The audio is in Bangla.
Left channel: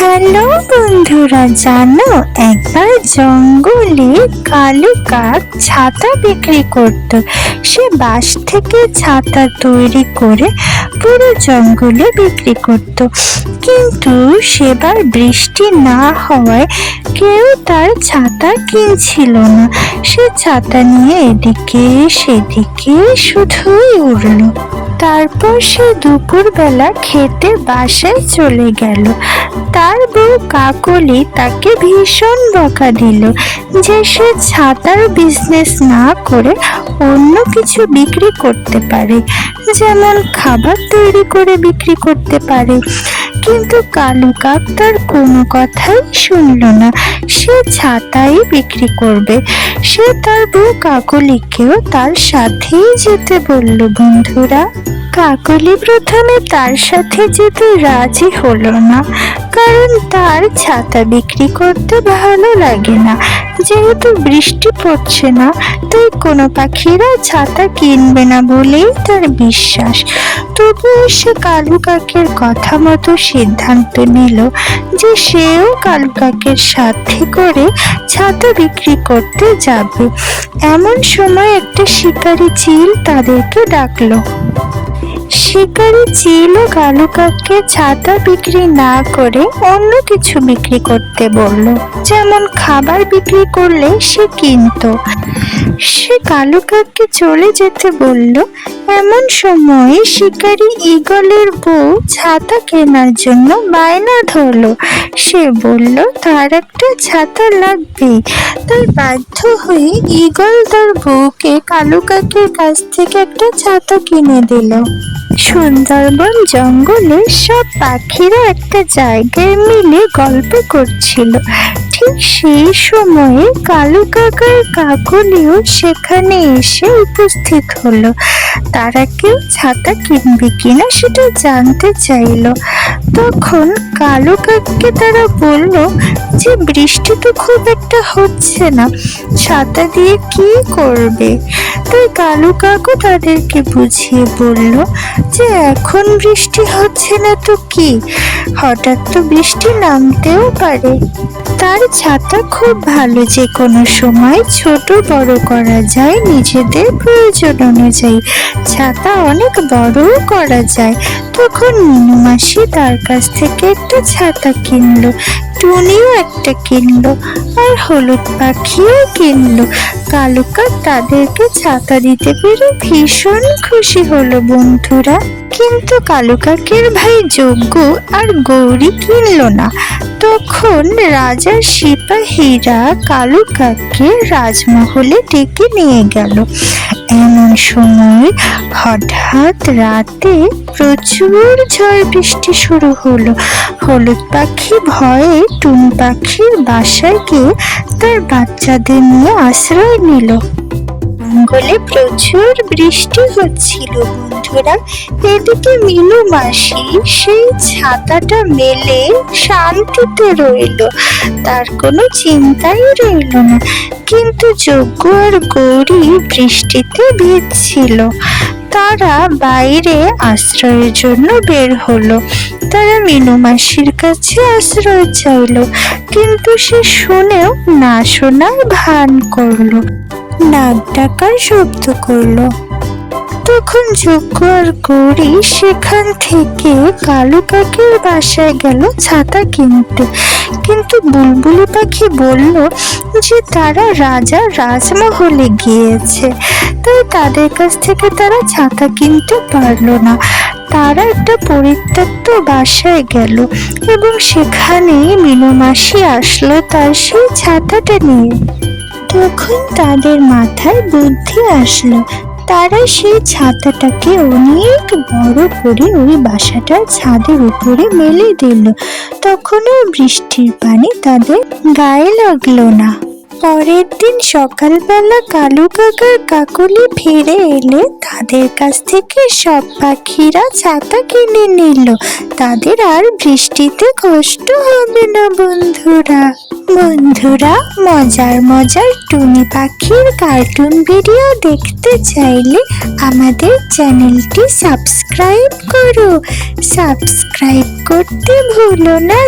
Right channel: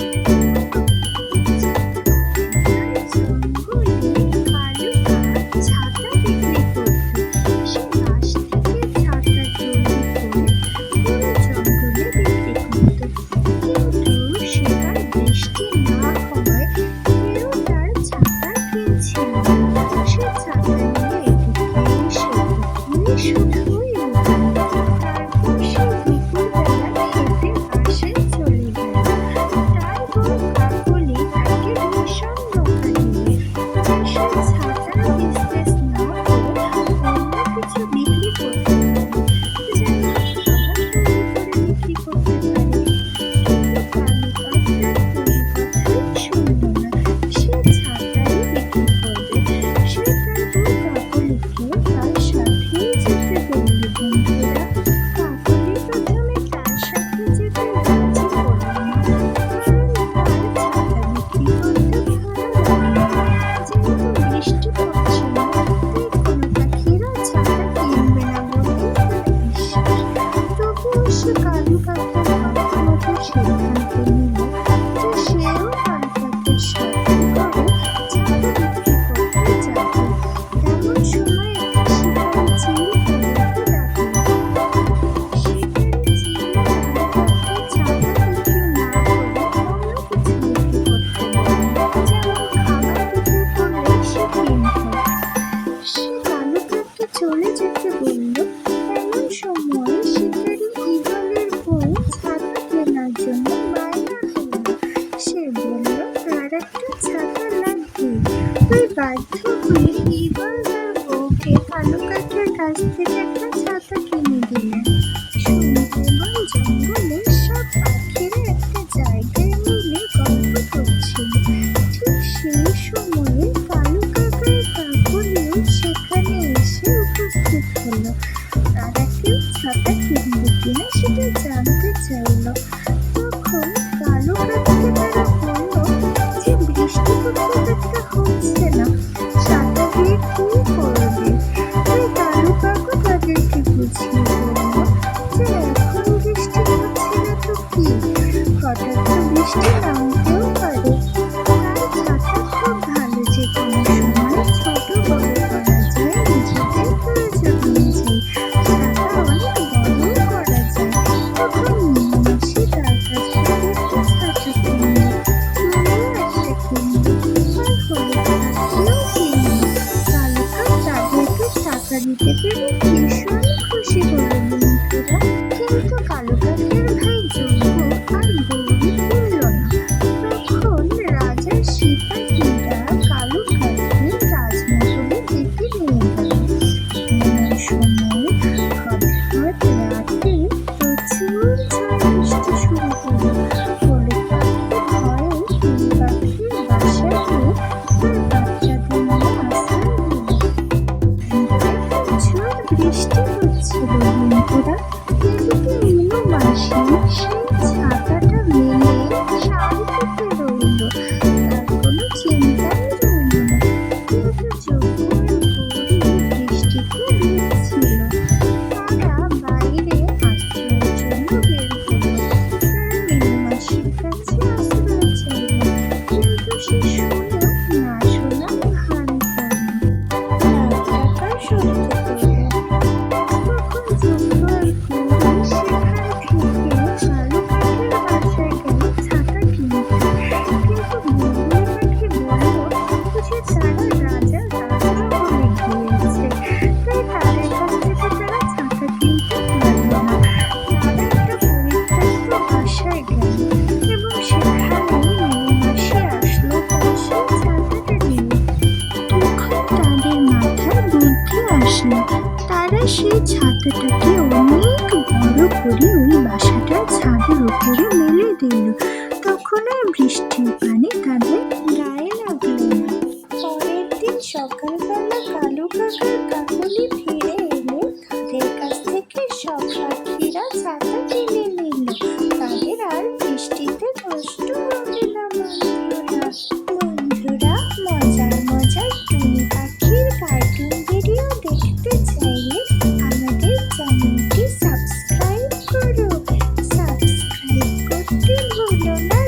হ্যালো বন্ধুরা, জানো একবার জঙ্গলে কালো কাক ছাতা বিক্রি করত। সে বাঁশ থেকে ছাতা তৈরি করে পুরো জঙ্গলে বিক্রি করত, কিন্তু সেবার বৃষ্টি না হওয়ায় কেউ তার ছাতা কিনছিল না। সে ছাতা নিয়ে এদিকে সেদিকে শুধুই উড়ল। তারপর সে দুপুরবেলা খেতে বাসায় চলে গেল। তার বউ কাকলি তাকে ভীষণ বকা দিল যে সে ছাতার বিজনেস না করে অন্য কিছু বিক্রি করতে পারে, যেমন খাবার তৈরি করে বিক্রি করতে পারে। কিন্তু কালু কাক তার কোনো কথাই শুনল না, সে ছাতাই বিক্রি করবে। সে তার বউ কাকলিকেও তার সাথেই যেতে বলল। বন্ধুরা, কাকলি প্রথমে তার সাথে যেতে রাজি হলো না, কারণ তার ছাতা বিক্রি করতে ভালো লাগে না। যেহেতু বৃষ্টি পড়ছে না, তাই কোনো পাখিরা ছাতা কিনবে না বলেই তার বিশ্বাস। তবুও সে কালু কাকের কথা মতো সিদ্ধান্ত নিল যে সেও কালু কাকের সাথে করে ছাতা বিক্রি করতে যাবে। এমন সময় একটা শিকারী চিল তাদেরকে ডাকলো। শিকারী চিল ও কালু কাককে ছাতা বিক্রি না করে অন্য কিছু বিক্রি করতে বলল, যেমন খাবার বিক্রি করলে সে কিনতো। সে কালু কাককে চলে যেতে বলল। এমন সময় শিকারী ঈগলের বউ ছাতা কেনার জন্য বায়না ধরলো। সে বলল তার একটা ছাতা লাগবে। তাই বাধ্য হয়ে ঈগল তার বউকে কালু কাকের কাছ থেকে একটা ছাতা কিনে দিল। সুন্দরবন জঙ্গলে সব পাখিরা একটা জায়গায় মিলে গল্প করছিল। ঠিক সেই সময়ে কালু কাকার কাকলিও সেখানে এসে উপস্থিত হলো। তারা কেউ ছাতা কিনবে কিনা সেটা জানতে চাইল। তখন কালু কাককে তারা বলল যে বৃষ্টি তো খুব একটা হচ্ছে না, ছাতা দিয়ে কি করবে? তাই কালু কাকও তাদেরকে বুঝিয়ে বলল যে এখন বৃষ্টি হচ্ছে না তো কি, হঠাৎ তো বৃষ্টি নামতেও পারে। তার ছাতা খুব ভালো, যে কোনো সময় ছোট বড় করা যায় নিজেদের প্রয়োজন অনুযায়ী। ছাতা অনেক বড়ও করা যায়। তখন মিনু মাসি তার কাছ থেকে একটা ছাতা কিনলো, টুনিও একটা কিনলো, আর হলুদ পাখিও কিনলো। কালু কাক তাদেরকে ছাতা দিতে পেরে ভীষণ খুশি হলো। বন্ধুরা, কিন্তু কালু কাকের ভাই যজ্ঞ আর গৌরী কিনলো না। তখন রাজার সিপাহীরা কালু কাককে রাজমহলে ডেকে নিয়ে গেল। এমন সময় হঠাৎ রাতে প্রচুর ঝড় বৃষ্টি শুরু হলো। হলুদ পাখি ভয়ে টুনি পাখির বাসায় গিয়ে তার বাচ্চাদের নিয়ে আশ্রয় নিল। জঙ্গলে প্রচুর বৃষ্টি হচ্ছিল। বন্ধুরা, এদিকে মিনু মাসি সেই ছাতাটা মেলে শান্তিতে রইল, তার কোনো চিন্তাই রইল না। কিন্তু যজ্ঞ আর গৌরী বৃষ্টিতে ভিজছিল। তারা বাইরে আশ্রয়ের জন্য বের হলো। তারা মিনু মাসির কাছে আশ্রয় চাইল, কিন্তু সে শুনেও না শোনার ভান করলো, নাক ডাকার শব্দ করলো। তখন যজ্ঞ আর গৌরী সেখান থেকে কালু কাকের বাসায় গেল ছাতা কিনতে। কিন্তু বুলবুলি পাখি বলল যে তারা রাজা রাজমহলে গিয়েছে, তাই তাদের কাছ থেকে তারা ছাতা কিনতে পারলো না। তারা একটা পরিত্যক্ত বাসায় গেল এবং সেখানে মিনু মাসি আসলো তার সেই ছাতাটা নিয়ে। তখন তাদের মাথায় বুদ্ধি আসলো। তারা সেই ছাতাটাকে অনেক বড় করে ওই বাসাটার ছাদের উপরে মেলে দিল। তখন আর বৃষ্টির পানি তাদের গায়ে লাগলো না। পরের দিন সকালবেলা কালু কাকার কাকলি ফিরে এলে তাদের কাছ থেকে সব পাখিরা ছাতা কিনে নিল। তাদের আর বৃষ্টিতে কষ্ট হবে না। বন্ধুরা, মজার মজার টুনি পাখির কার্টুন ভিডিও দেখতে চাইলে আমাদের চ্যানেলটি সাবস্ক্রাইব করো। সাবস্ক্রাইব করতে ভুলো না।